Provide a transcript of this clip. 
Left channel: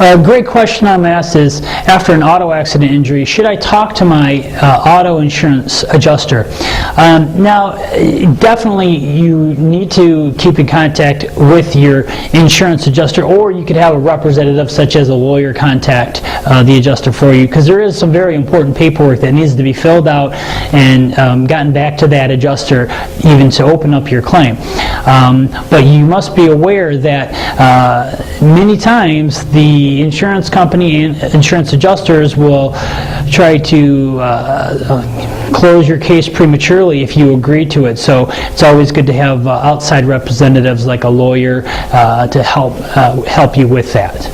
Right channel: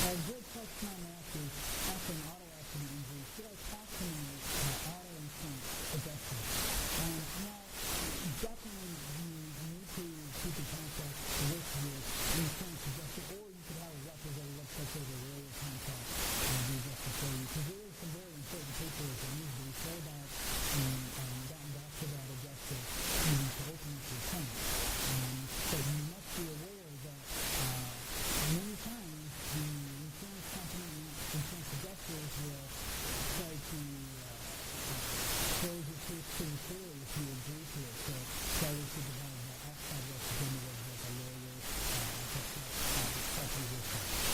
A great question I'm asked is, after an auto accident injury, should I talk to my auto insurance adjuster? Now, definitely you need to keep in contact with your insurance adjuster, or you could have a representative such as a lawyer contact the adjuster for you, because there is some very important paperwork that needs to be filled out and gotten back to that adjuster even to open up your claim. But you must be aware that many times the insurance company and insurance adjusters will try to close your case prematurely if you agree to it. So it's always good to have outside representatives like a lawyer to help you with that.